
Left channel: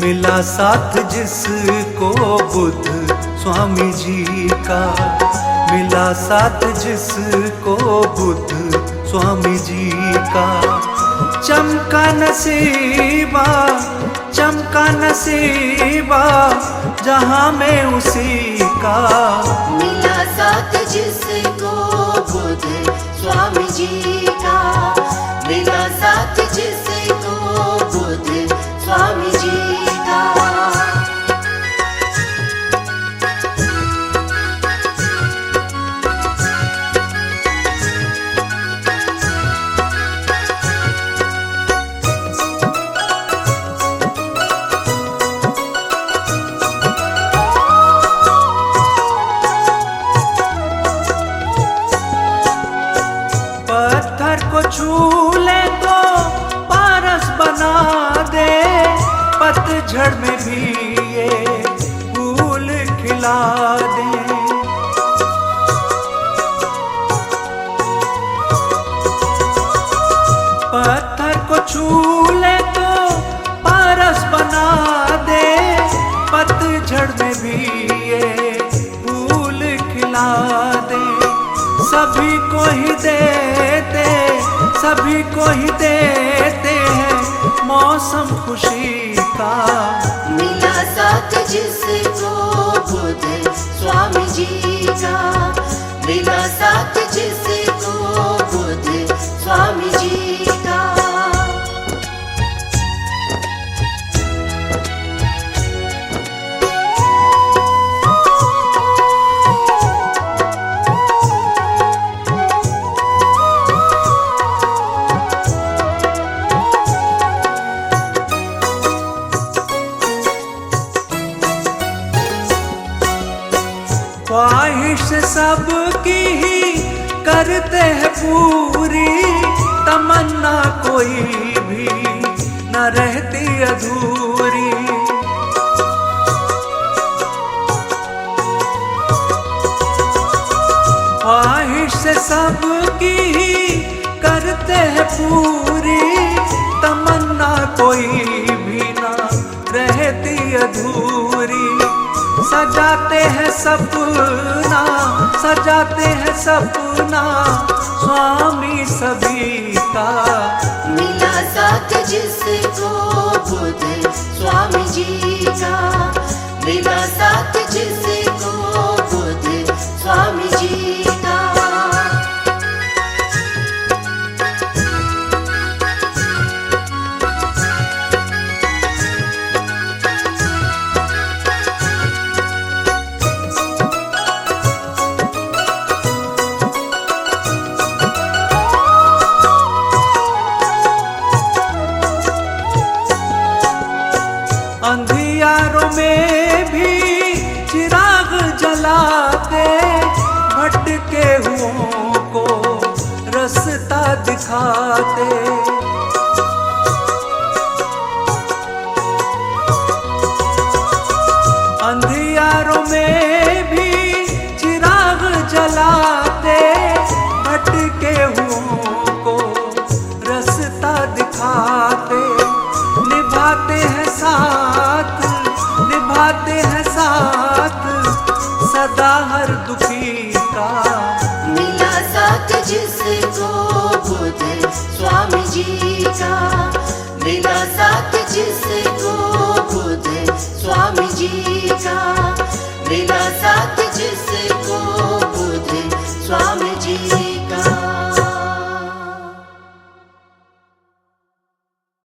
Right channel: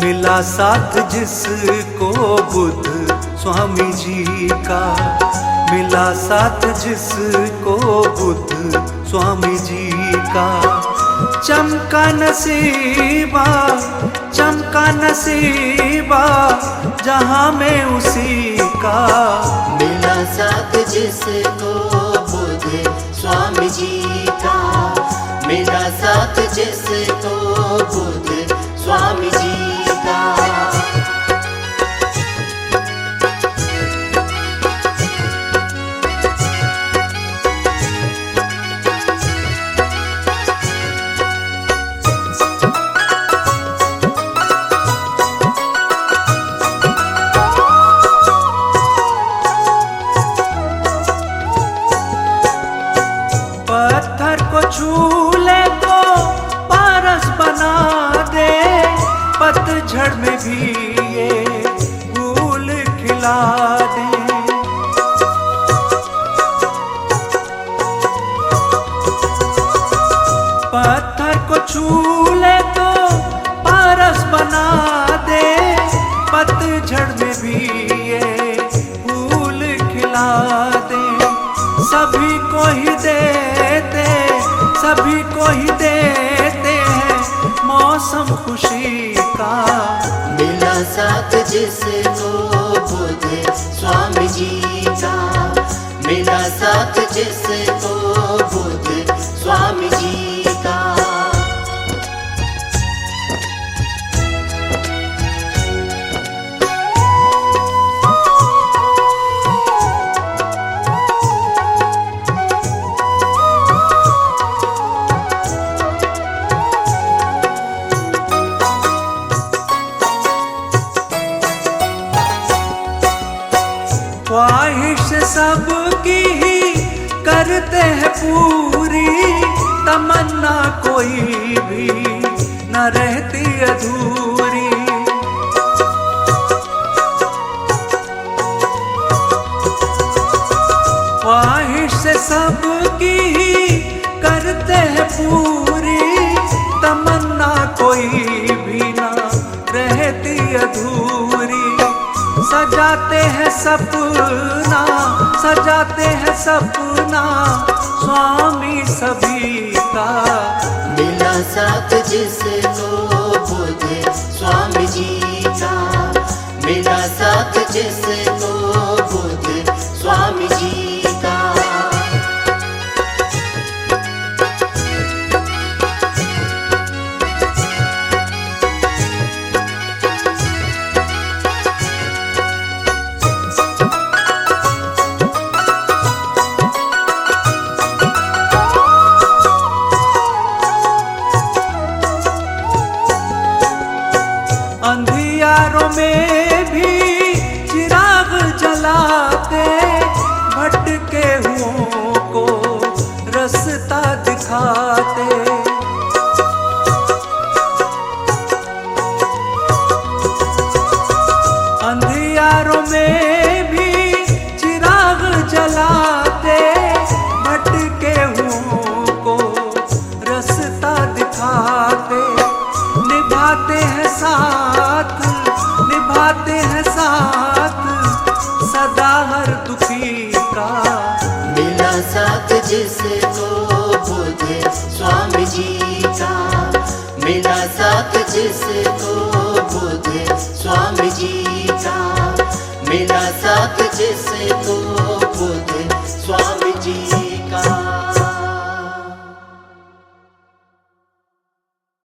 मिला साथ जिसको बुद्ध स्वामी जी का, मिला साथ जिसको बुद्ध स्वामी जी का। चमका नसीबा, चमका नसीबा, जहाँ में उसी का। मिला साथ जिसको बुद्ध स्वामी जी का, मिला साथ जिसको बुद्ध स्वामी जी का। पत्थर को छू ले तो पारस बना दे, पतझड़ में भी ये फूल खिला दे। पत्थर को छू ले तो पारस बना दे, पतझड़ में भी ये फूल खिला दे। सभी को ही देते, सभी को ही देते हैं मौसम खुशी का। मिला साथ जिसको बुद्ध स्वामी जी का, मिला साथ जिसको बुद्ध स्वामी जी का। ख्वाहिश सबकी ही करते हैं पूरी, तमन्ना कोई भी न रहती अधूरी। सबकी ही करते हैं पूरी, तमन्ना कोई भी ना रहती अधूरी। सजाते हैं सपना, सजाते हैं सपना स्वामी सभी का। मिला साथ जिसको बुद्ध स्वामी जी का, मिला साथ जिसको बुद्ध स्वामी जी का। अंधियारों में भी चिराग जलाते, भटके हुओं को रास्ता दिखाते। अंधियारों में भी चिराग जलाते, भटके हुओं को रास्ता दिखाते। निभाते हैं साथ, निभाते हैं साथ सदा हर दुखी का। मिला साथ जिसको बुद्ध स्वामी जी का, मिला साथ जिसको बुद्ध स्वामी जी का।